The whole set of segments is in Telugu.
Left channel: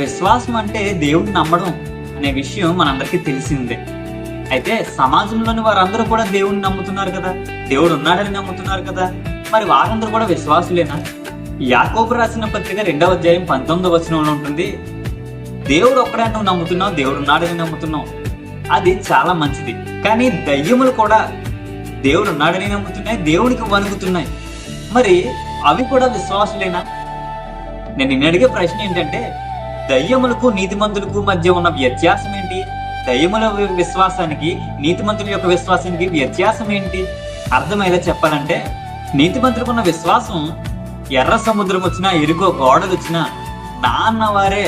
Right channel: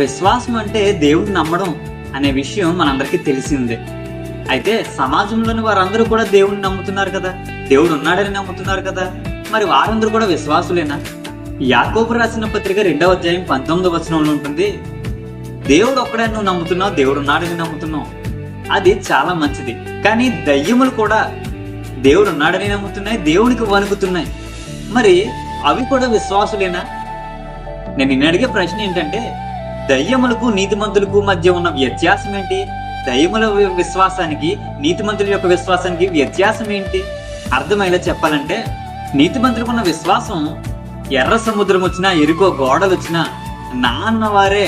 విశ్వాసం అంటే దేవుడిని నమ్మడం అనే విషయం మనందరికీ తెలిసిందే. అయితే సమాజంలోని వారందరూ కూడా దేవుడిని నమ్ముతున్నారు కదా, దేవుడు ఉన్నాడని నమ్ముతున్నారు కదా, మరి వారందరూ కూడా విశ్వాసులేనా? యాకోబు రాసిన పత్రిక 2వ అధ్యాయం 19వ వచనంలో ఉంటుంది, దేవుడు ఒక్కడే నువ్వు నమ్ముతున్నావు, దేవుడు ఉన్నాడని నమ్ముతున్నావు, అది చాలా మంచిది. కానీ దయ్యములు కూడా దేవుడు ఉన్నాడని నమ్ముతున్నాయి, దేవునికి వణుకుతున్నాయి. మరి అవి కూడా విశ్వాసులేనా? నేను నిన్ను అడిగే ప్రశ్న ఏంటంటే, దయ్యములకు నీతిమంతులకు మధ్య ఉన్న వ్యత్యాసం ఏంటి? దయ్యముల విశ్వాసానికి నీతిమంతుల యొక్క విశ్వాసానికి వ్యత్యాసం ఏంటి? అర్థమయ్యేలా చెప్పాలంటే, నీతిమంతులకు ఉన్న విశ్వాసం ఎర్ర సముద్రం వచ్చినా, ఎరుకో గోడలు వచ్చినా, నాన్న వారే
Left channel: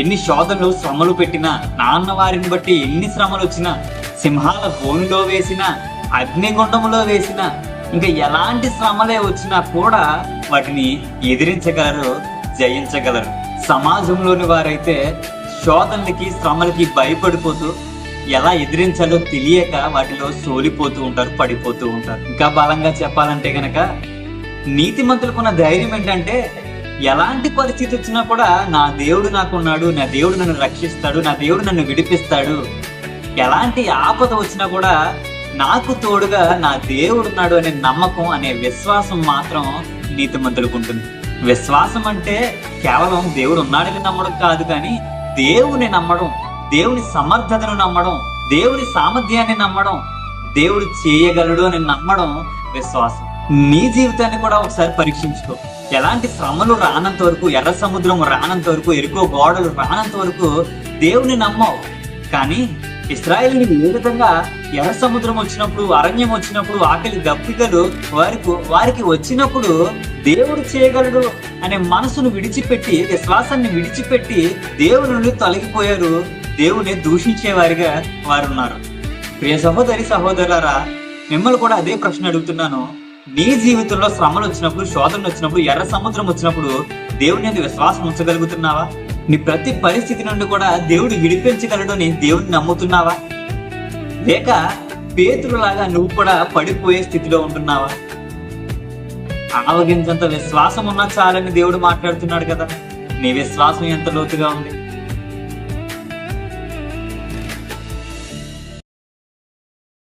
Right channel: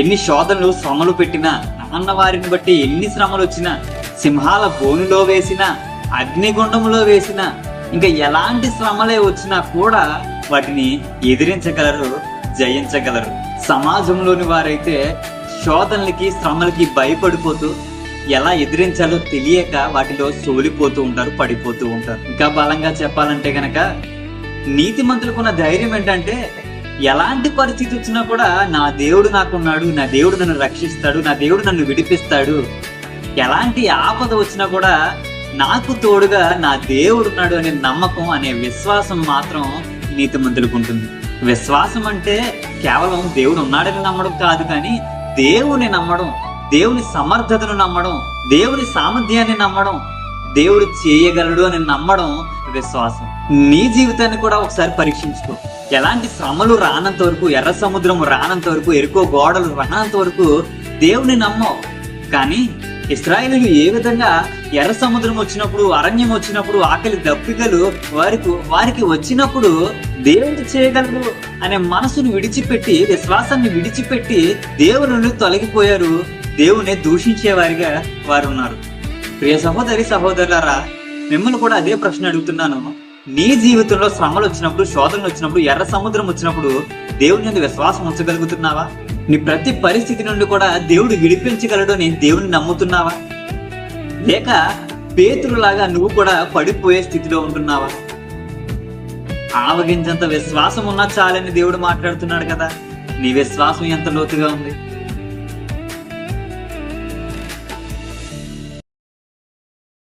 ఎన్ని శోధనలు శ్రమలు పెట్టినా, నాన్న వారిని బట్టి ఎన్ని శ్రమలు వచ్చినా, సింహాల బోనులో వేసినా, అగ్నిగుండంలో వేసినా, ఇంకా ఎలాంటి శ్రమలే వచ్చినా కూడా వాటిని ఎదిరించగలరు, జయించగలరు. సమాజంలోని వారైతే శోధనలకి శ్రమలకి భయపడిపోతూ ఎలా ఎదిరించాలో తెలియక వాటిలో సోలిపోతూ ఉంటారు, పడిపోతూ ఉంటారు. ఇంకా బలంగా చెప్పాలంటే గనక నీతిమంతులకున్న ధైర్యం ఏంటంటే, ఎలాంటి పరిస్థితి వచ్చినా కూడా నా దేవుడు నాకున్నాడు, నా దేవుడు నన్ను రక్షిస్తాడు, నా దేవుడు నన్ను విడిపిస్తాడు, ఎలాంటి ఆపద వచ్చినా కూడా నాకు తోడుగా నా దేవుడు ఉన్నాడు అనే నమ్మకం, అనే విశ్వాసం మాత్రం నీతిమంతులకు ఉంటుంది. విశ్వాసం అంటే కేవలం దేవుడు ఉన్నాడని నమ్మడం కాదు, కానీ దేవుని నమ్మడం, దేవుని సమర్థతను నమ్మడం, దేవుని సామర్థ్యాన్ని నమ్మడం, దేవుడు చేయగలడు అని నమ్మడం విశ్వాసం. నీ జీవితాన్ని కూడా ఒకసారి పరీక్షించుకో. ఎలాంటి శ్రమలు రానంత వరకు, ఎర్ర సముద్రం రానంత వరకు, ఎరుకో గోడలు రానంత వరకు దేవుని నమ్మవు. కానీ ఇశ్రాయేలీయులు ఏ విధంగా ఎర్ర సముద్రం వచ్చినప్పుడు, అరణ్యం వచ్చినప్పుడు, ఆకలి దప్పికలు వారికి వచ్చినప్పుడు దేవుడు చేయగలడు అనే మనసును విడిచిపెట్టి, విశ్వాసాన్ని విడిచిపెట్టి దేవుని నుండి తొలగిపోయారు, దేవుని దూషించే వారిగా వారు ఉన్నారు. ప్రియ సహోదరి సహోదరులారా, మిమ్మల్ని కూడా అదే ప్రశ్న అడుగుతున్నాను. నీ జీవితంలో శ్రమలు వచ్చినప్పుడు, శోధనలు వచ్చినప్పుడు, ఎర్ర సముద్రం వచ్చినప్పుడు దేవుని యందు విశ్వాసం ఉంచగలుగుతున్నావా? నీ ప్రతి పరిస్థితి నుండి కూడా దేవుడు విడిపించగలడు అని దేవుని నమ్ముతున్నావా? లేక పేతురులాగా నువ్వు కూడా పడిపోయే స్థితిలో ఉంటున్నావా? ఆవగించంత విశ్వాసం ఉన్నా చాలని దేవుడు మాట్లాడుతున్నాడు కదా. నీ విశ్వాసం ఎంత లోతుగా ఉంది?